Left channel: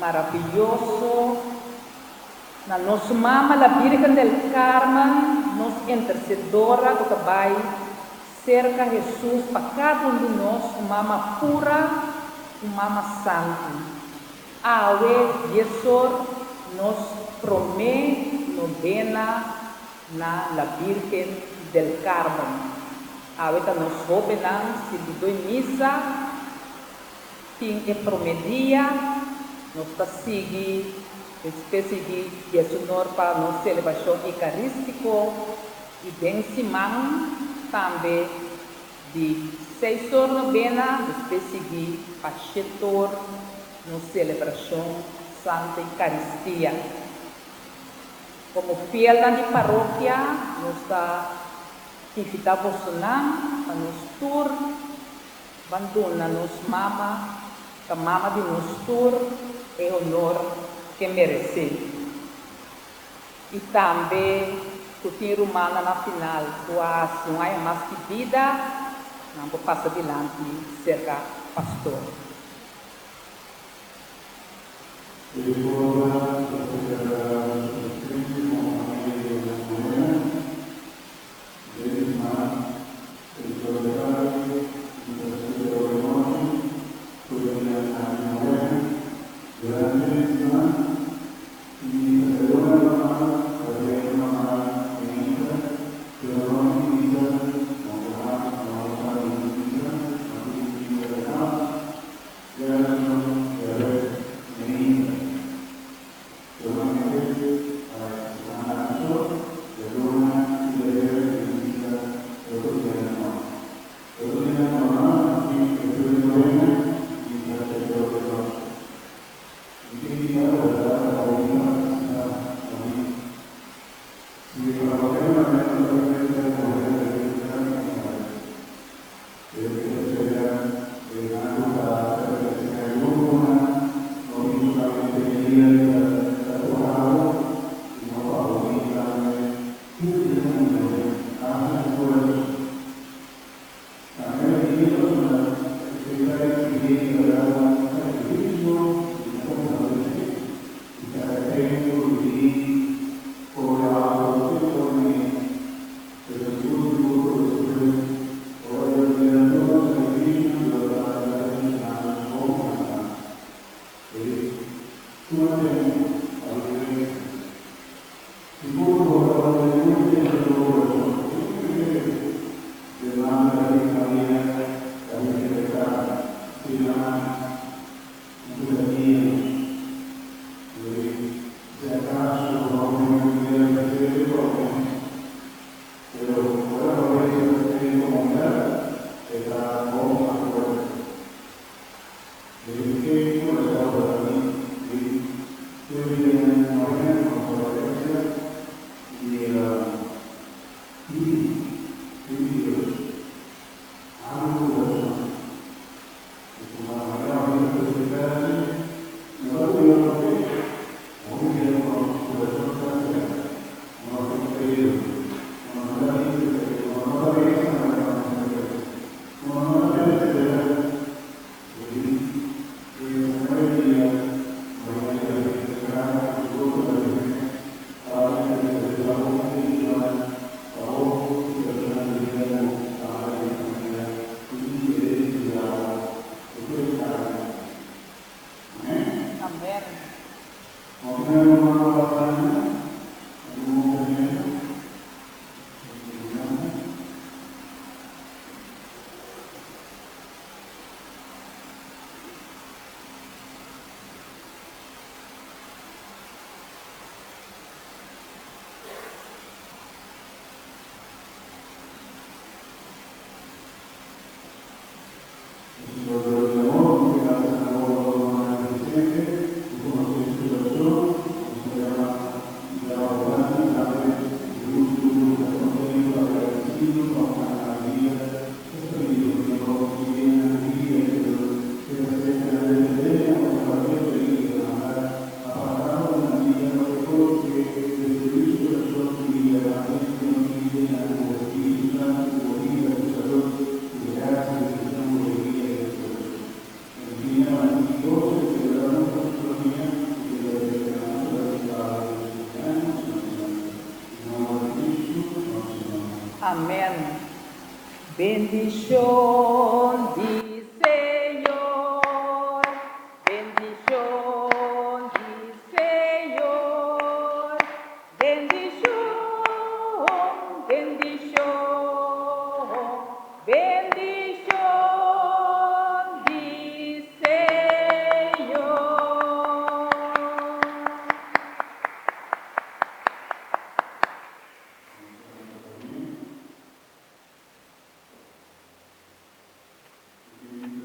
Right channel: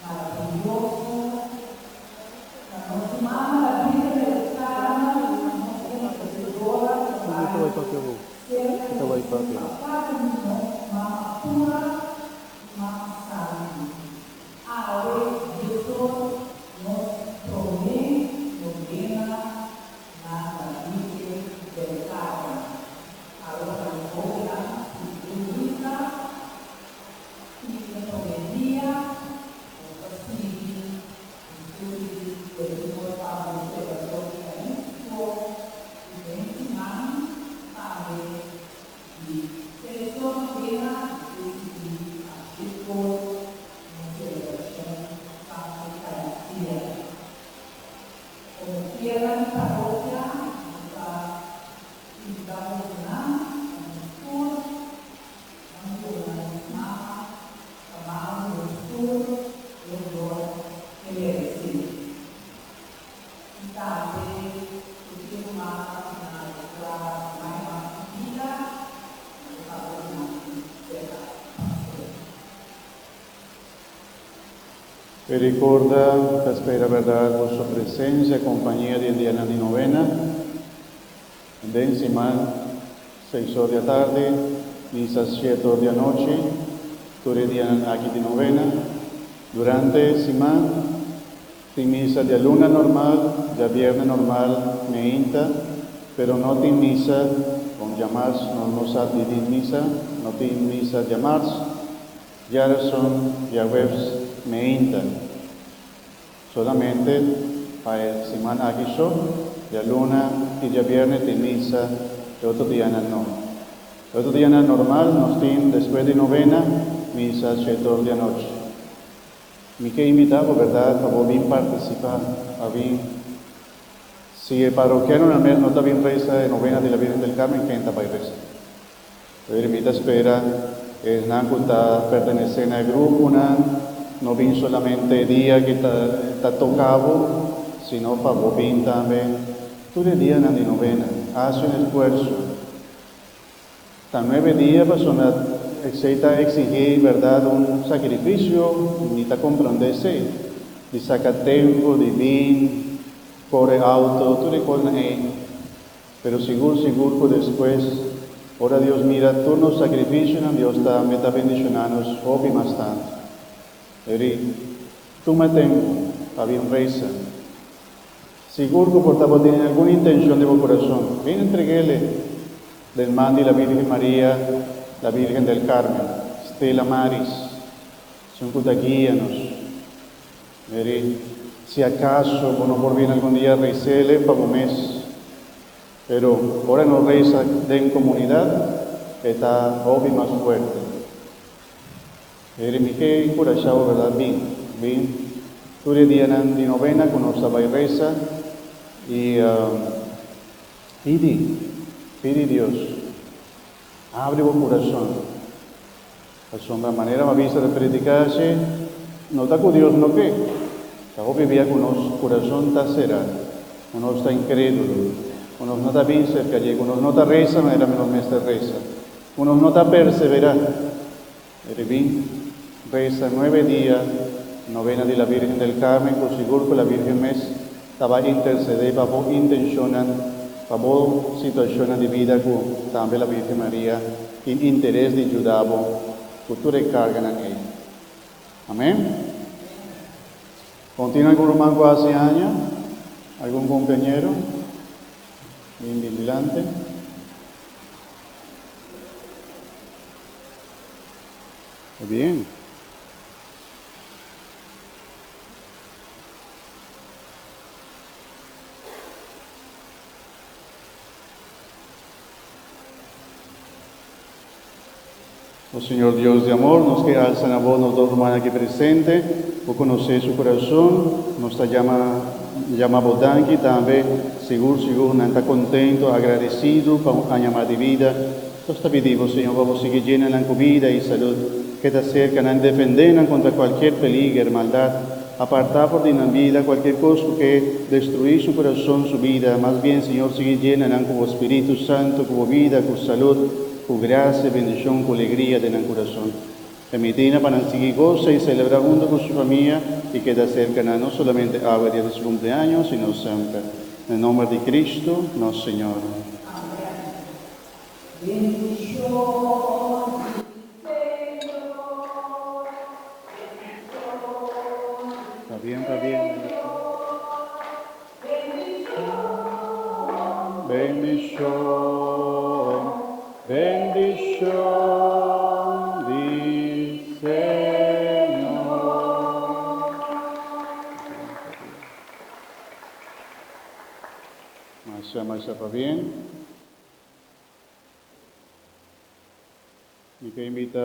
maravilhoso, na nossa mama, a Virgem del Carmen, nossa intercedora, que vai cerca Jesus, para cada um de nós, mama pura, mama santa. Awe, Jesus, nos promete novena na la Virgem del Carmen. Awe, que nos governan, se tu missa, tem que prometia, nos está seguindo, espécie de Senhor para nossa celebração eucarística e bem semana também de 6 horas novena, espécie de pastor, nossa celebração Santa Eucaristia. Como fiel na paróquia, nós está atividade vocacional, para nos tour, abandona nos mama, a mama de nos tour é honor que merece. E também, o tiro humano na final, quase não há mais pedida, não vou passar adiante, cerca pastor. E ricorda che spera verrà la vostra presenza e compagnia di Diana di Novena, ben settimana, 6 ore di tardi, misa 7 ore di noche, Diana anche di Novena, durante settimana, di misa di luna normal, di viernes normal, meinta, pero no di misa con llamarse, no nos di misa, no di misa llamarse, ya son, ya webs, meinta. Solamente a semana aquí son, ya luna y ya viernes de misa, el otro día no. El otro día normal, nos tiene después de novena, misa 7 horas de noche. Mi que invitamos, ¿verdad? A bien participar, a bien. Si el parroquiano no está bien reza de novena de la Virgen del Carmen, ¿quién está para rezar? La ermita espera, es una culta pertenecen al grupo, no vin solamente el día que está tocado, sino para bien también. Todo el día en la novena, hace un esfuerzo. También venía persona exenta exigir, ¿verdad?, un sacrificio, necesita comprenderse, y saca tiempo, de bien, por el auto, tú le pones, pero seguro después, ahora Dios mira todos los sacrificios, Dios está bendicionando, obvio más tanto. Toma tiempo, a bien reza. Seguro que por tener alguna intención de tu corazón, ven entreguele del man de la Virgen María, la Virgen del Carmen, Stella Maris, son contagianos. Si acaso no volvieron algún día a rezarle para un mes, pero ahora no reza en comunidad, está obvio más fuerte. Mi que por esa hora bien, tú le día de novena con nuestra reza y pide Dios, abre tu corazón. Es una manera más vista de predicarse, no está con Dios lo que, estamos viviendo con nuestro corazón está cerrado, con nuestra incrédulo, con no está bien cerca allí, con no está reza, no era menos esta reza, con no está perseverando. Reza 9 días, novena de la Virgen del Carmen, por seguro que la Virgen mes estaba interceder para vos intencionan, para vos situaciones de vida con también la Virgen María, en interés de ayudarvos, que tú recargan en ella. Amén. Amén. ¿Continúan con los mancos hace años? ¿Algún compañero? Bien vigilante. Bien. Oh Señor Dios de amor, nos que alzan a vos, los dos humanos aquí presentes, vos conocéis su corazón, nos llama Bodanqui también, seguro, no está contento, agradecido por un año más de vida. Entonces te pedimos, Señor, vamos a seguir llena la vida y salud, que te acercan a defender contra cualquier peligro, maldad, apartar de la vida cualquier cosa que destruir su corazón, su vida. Más bien, Señor, sigue llena con Espíritu Santo, con vida, con salud, con gracia, bendición, con alegría del corazón. Permitina Panantigui goza y celebra junto con su familia y queda cercana no solamente a el día de su cumpleaños, sino siempre. En el nombre de Cristo, nuestro Señor. Amén. Bendición di Señor, bendición di Señor, bendición, bendición, bendición di Señor. Maestra, ¿va bien? Y que invita